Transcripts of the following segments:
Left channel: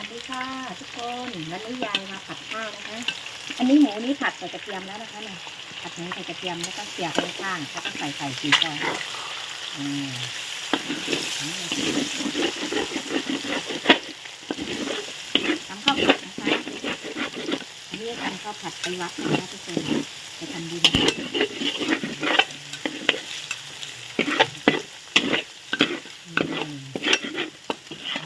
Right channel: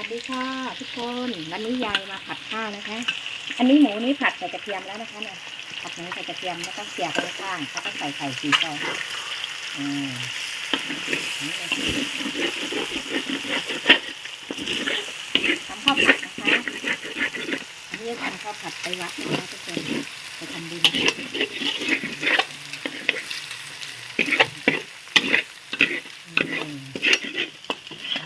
วัสดีค่ะ ทุกคนวันนี้ยายมาผัดข้าวนะคะ อันนี้หมูนี่ผัดใส่กระเทียมแล้วนะคะเนี่ยผัดหมูใส่กระเทียมแล้วก็เสียบไปข้างแล้วก็ใส่ไข่สีฟองอืมทำข้าวผัดนะคะอันนี้ทำข้าวผัดไปวัดนะคะทุกคนไปทำบุญอืม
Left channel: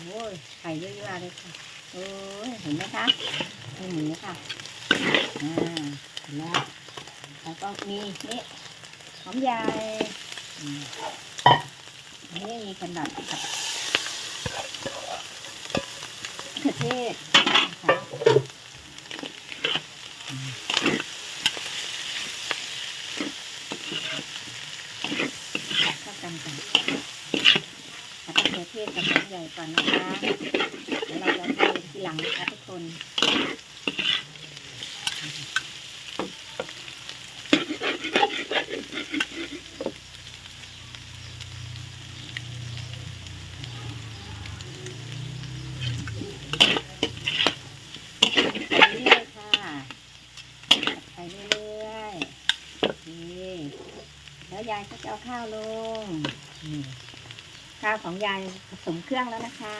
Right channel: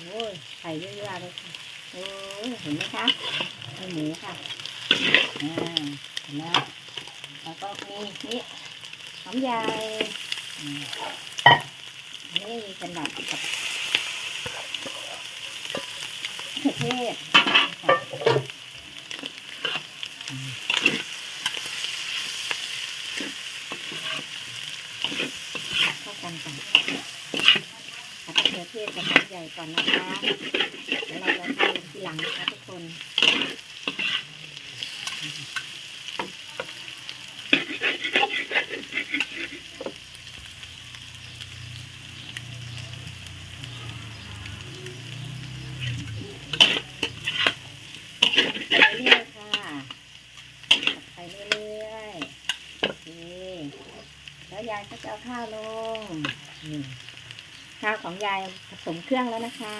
โอ้ย ไข่เยอะๆเลยค่ะโอ้ยเห็นไหมคะมีหมูค่ะอ่าเห็นแล้วแล้วก็มีนี่หอมใหญ่นี่เป็นแบบกับมะเขือเทศนะคะกันก่อนผัดมะเขือเทศกับหอม ใหญ่ก่อนนะคะเดี๋ยวเราจะทำทีหลังนะคะทุกคนไปเรื่อยค่ะไปเรื่อยดีแล้วยายก็จะเอาข้าวลงนี่ ข้าวของยายผสมเครื่องแล้วนะคะ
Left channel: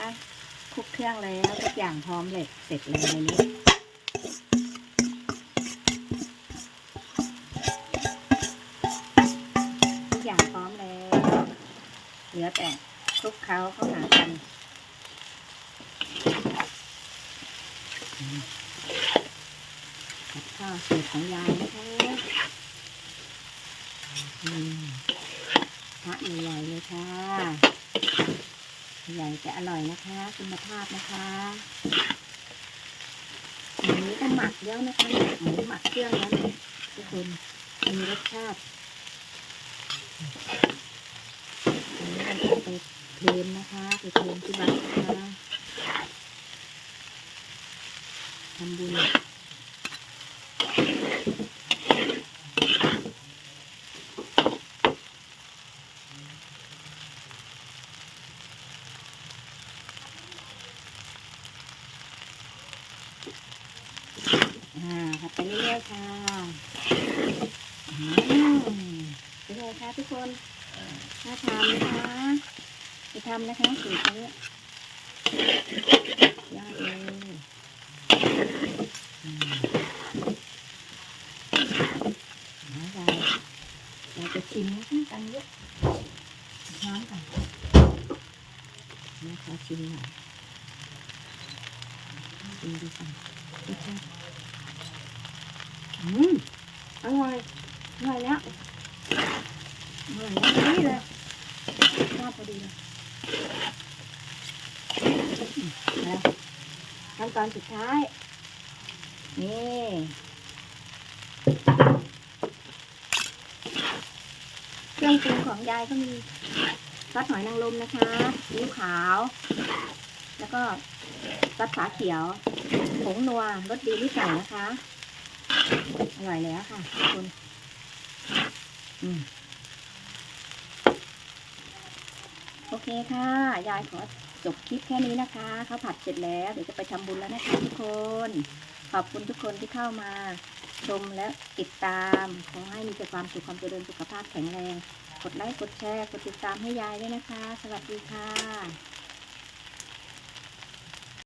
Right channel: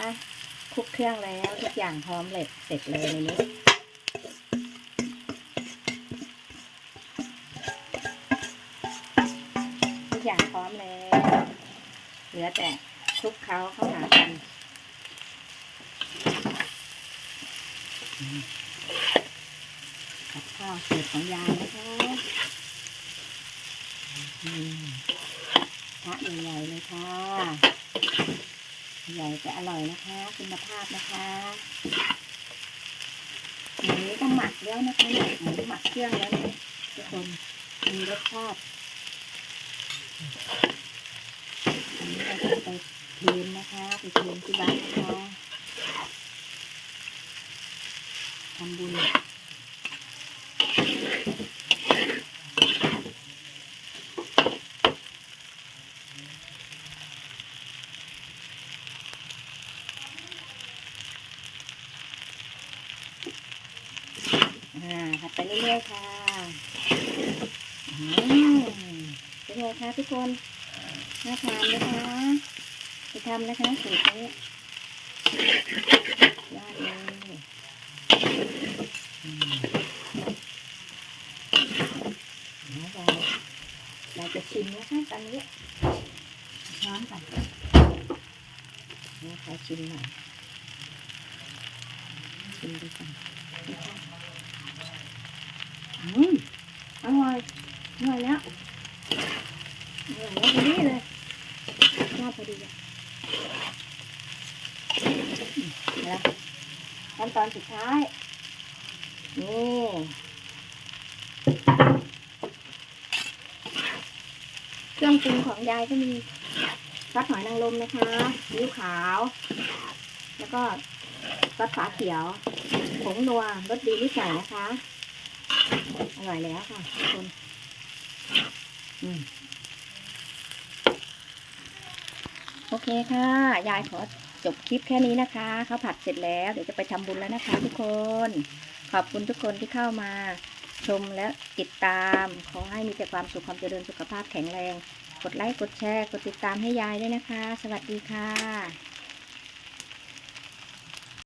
คลุกเครื่องแล้วทุกอย่างพร้อมเลยเสร็จเลยในนี้ทุกอย่างพร้อมเลยเหลือแต่คลุกเคล้าเข้าหากันกับข้าวสูตรของยายนะคะพระใหญ่ๆเลยค่ะ ใหญ่แต่อร่อยนะคะ คุณภาพนะคะอันนี้ก็หมักแล้วนะคะหมูหมักเครื่องแล้วเนี่ยทุกคนมีรสชาติอันนี้เราจะไปเทนนะคะไปเทนที่บ้านนะคะทำบุญ อ่าผัดไปเรื่อยๆค่ะอืมเป็นไงคะทุกคนน่าทานไหมคะไปทำนะคะสูตรนี้ยอดเลยอืมแล้วเราเราจะชิมนะคะกันเยอะน้ำกันนะคะชิมหน่อยชิมดูกันนะคะ อืมอร่อยอร่อยแล้วอร่อยแล้วพอดีเลยชอบพอดีเลยอืมแล้วขั้นตอนสุดท้าย นี่เครื่องปรุงของยายก็มีซอสหอยนางรมนะคะซีอิ๊วขาว แล้วก็ซอสฝาเขียว ผงนัวรสดีที่ใส่นะคะ อร่อยแล้วค่ะทุกคนอืมโอเคค่ะ ยายขอจบคลิปแค่นี้นะคะข้าวผัดเสร็จแล้วเดี๋ยวจะไปทำบุญแล้วนะคะทุกคน ขอบคุณทุกคนที่เข้ามา ชมและติดตามขอให้มีแต่ความสุขความเจริญสุขภาพแข็งแรง กดไลค์กดแชร์ กดติดตามให้ยายด้วยนะคะ สวัสดีค่ะ